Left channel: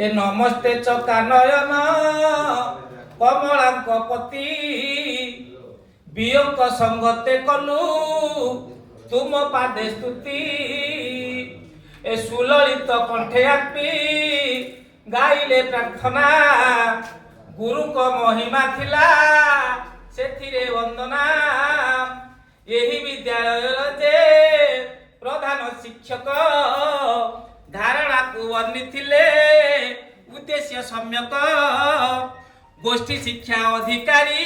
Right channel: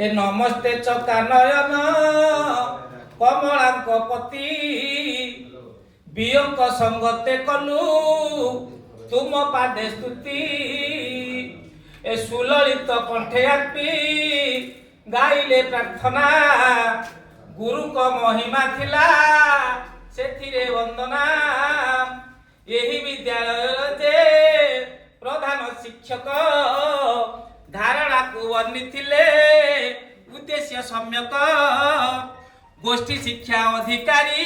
ए नमस्ते चका नयन कमलांक पति वियोग संगते कलु तुम पादे स्तुति ए सुललित कंठे आपी गाइले प्रार्थना गुरु को महिमा थिला सेथिरे वंदना यही विद्यालय जे प्रधान शिक्षक धारणा को वर्णिथिले उद्देश्य सम्यक गोष्ठी शिक्षा अधिकारी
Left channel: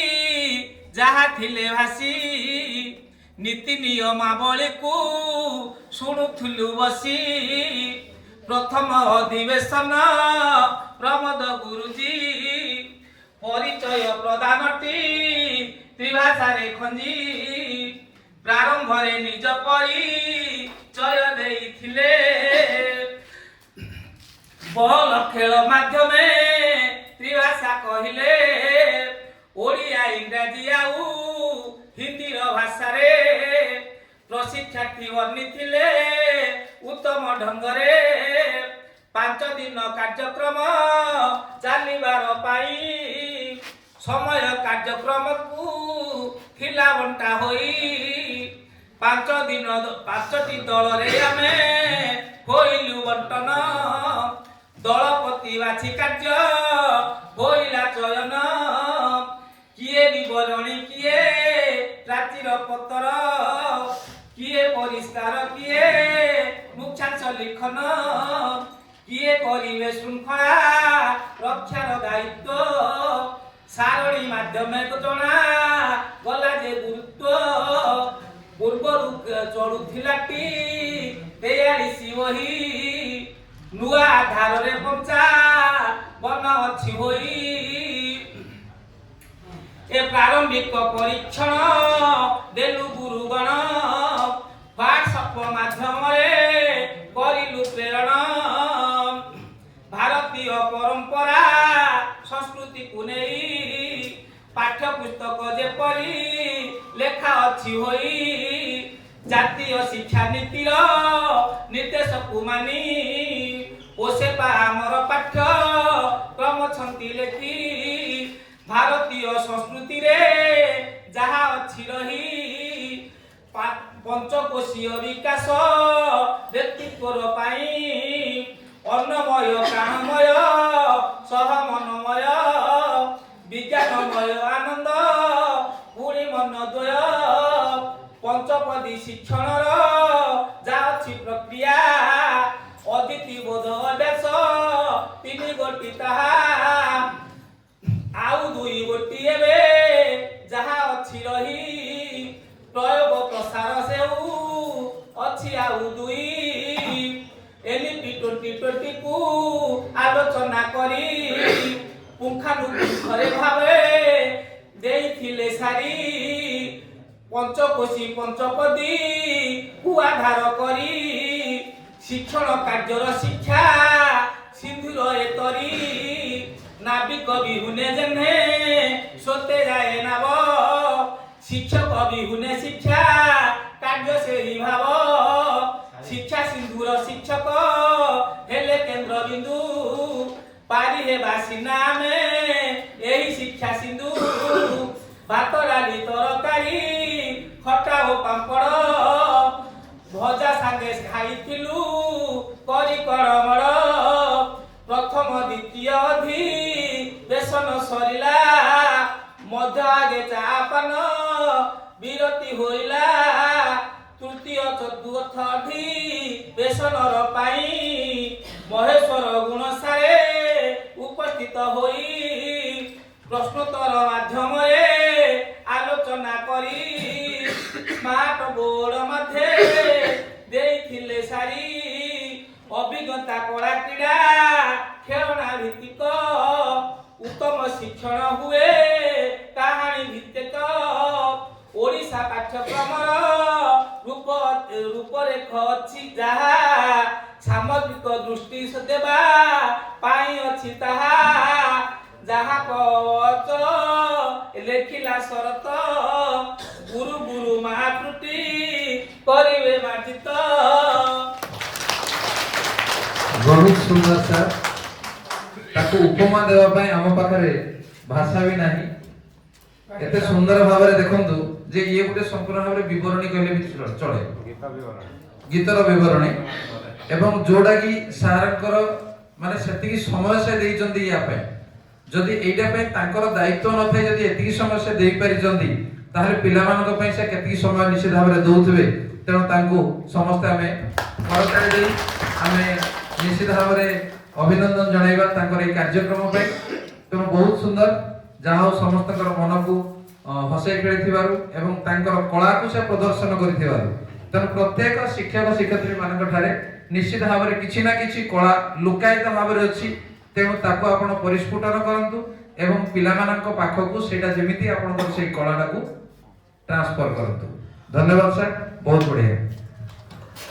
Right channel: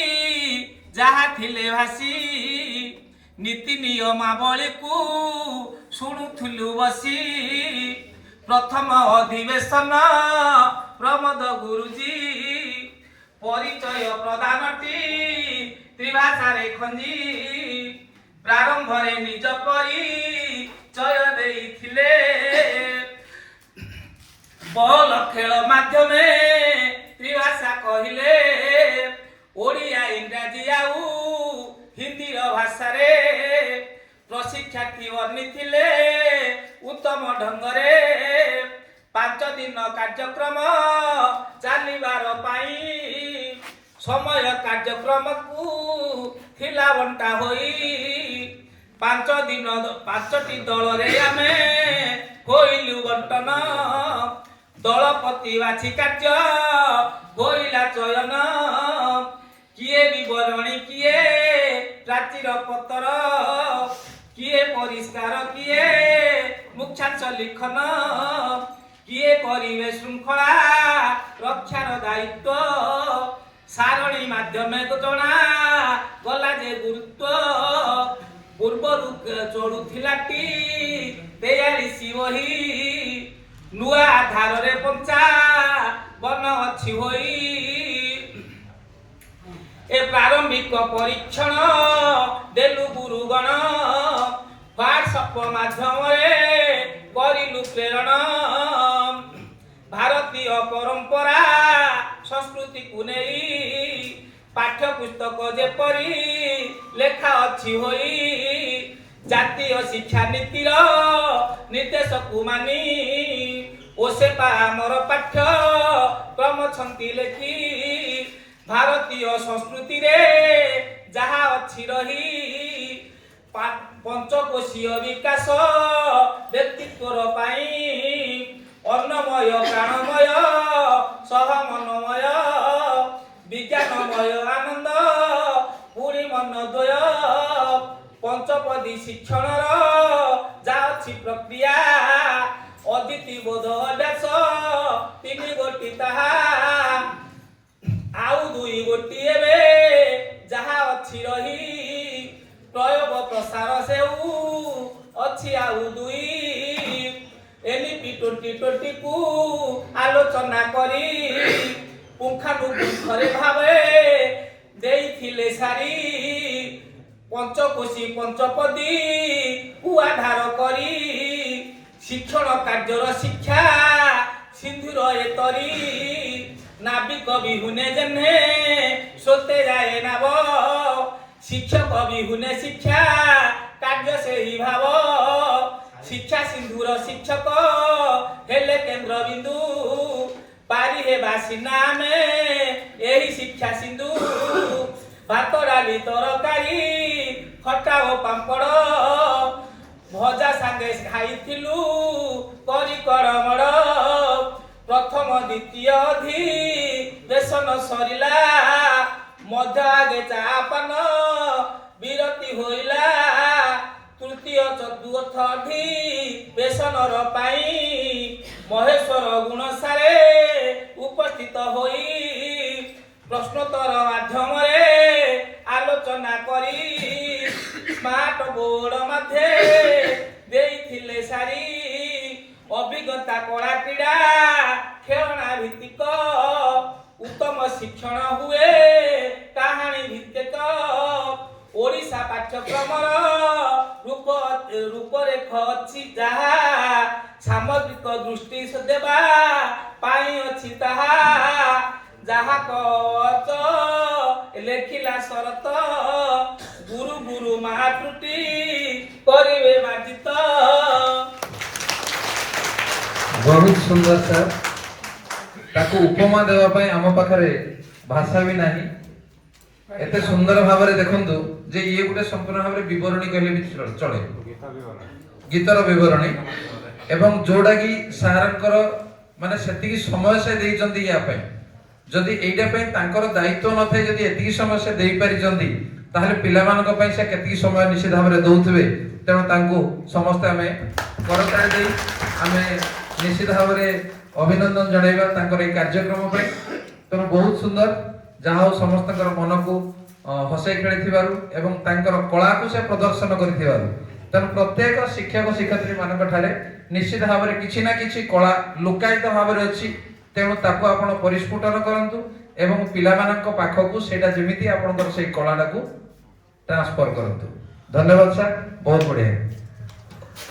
जहा थिले भासी नीति नियमावली को शुणुथुलु बसी प्रथम अधिवेशन प्रमोद गुरुजी परिचय प्रदानटी त्रिभाषारे खंजी प्रारंभ रे निज परिचय देइथिले बल खेल माध्यमे त्रिभाषा कहिले ओडिया इंग्राजी आउ हिंदी भाषा रे प्रशिक्षार्थी वर्णिथिले उत्तम ढंगरे 5 दिन कार्यक्रम चलिबार पाई समय कार्यक्रम को थिला बंटा होई 5 दिन 5टी दल रे आमे होइलु बंटन दलपति बाछी कार्य होइला चयन किए विवरणी किए प्राचीर पत्र किए परिष्कार किए मुख्यांश लिखन किए करिवे श्रृंखला रक्षार दायित्व सारणी माध्यमे जना गला जे गुरुत्व पूर्व चढ़ुलाटी 43 वही नुआ आधार रे पंचा बन अच्छी होई ए प्रारंभिक परीक्षण देलु गुरुगण व्हाट्सएप माध्यम करिलु प्रेरण भारतीय परंपरा संस्कृति को नहीं पाठ्य पुस्तक जेपरी लेखा अच्छी होई जातीय शिक्षा नीतिर निर्देश को मानी ओसे आमर पाठ्य क्रम छंती लेखी भारतीय संस्कृति रे जहा अच्छी रही पंचकोशीय विकास व्यक्तित्वर पाई अन्नमय प्राणमय सह मनमय विज्ञानमय आनंद पूरी मनद्वय पंचपदी शिक्षण जा अच्छी प्रक्रिया अदिति बोध अभ्यास 3 गोटी ताहा आउ 2 गोटी एबे जहा अच्छी रही प्रयोग प्रसार सेउ अच्छी आउ 2 एनपी 2020 को आलोचना करी पुंखानुपुंखरे भावे देइथिले सारी पंचकोशी पंचपदी को आधार करी शिक्षण कार्यर शिक्षा सिंधुर एतरी नाविक बिहुने जन्हे सोते जाए नाव शिक्षक बिहुने शिक्षा कार्य से ही भाव शिक्षा सिंधुर शिक्षक हेले केंद्र बिंदु पारी हे बासिना में यही शिक्षा सिंधु भात डाली तरकारी खटा ओ पांपड़ भजा सांगे खाइथिलु करी करमड़ प्रथम द्वितीय अधिवेशन सरिला मध्य आगे चापान विरति होइला तृतीय चतुर्थ अधिवेशन पाई महेश्वर गुणसारे उपस्थित होई प्रश्नोत्तर माध्यम आलोचना करी स्मार्ट बोर्ड मध्य देइथिले सारी अभिज्ञता कला क्रीड़ा खेलना भित्तिक उत्तम शिक्षण हुए कहानी भित्तिक ओडिशा पाठ्यक्रम रूपरेख अच्छी जहा सामग्रिक दृष्टि देवा पाई अच्छी ताहा जहा कच लेखिला शरत गुरु गुरु महात्रुटी करिवे मार्जित। बहुत सुंदर सर। ताको उपमा देवा पाए आम पाखरे भाषा भी नाही। एते सुंदर भाव देखंतु जे ये गोटे संपूर्ण भाव विवरणी कहले भी चले गीतर विवरणी एवं जोड़ा की सारंकर माने सेतिकी समय से देइचंदी या पाए जदि एइटा पे तांकर दायित्व न थाए जदि एतिकी समय से देई पारि जंदी ताहले पिला मानक पई से केतिकी समय निश्चित भाव दउथबे तेणु तांको समस्त आमे करताଳି देई आमे निश्चित भाव अभिनंदन जणाइबा तांकर ए कार्यक्रम पे। तेणु बहुत सुंदर जहाँ समस्त मन को हसई खेली एवं तांकर कला को से प्रदर्शन करिथिबारु तेणु प्रत्येक शिक्षक शिक्षयित्री मानक ठारे निश्चित भाव किछि ना किछि कला लुकायित भाव अछि। तेणु ताको आपण परिस्फुटन करंतु एवं पिला मानक पाखकू सेटा जेमिति आपनकर सेई कलाटा को ट्रांसफर करंतु। धन्यवाद सर, बहुत बढ़िया।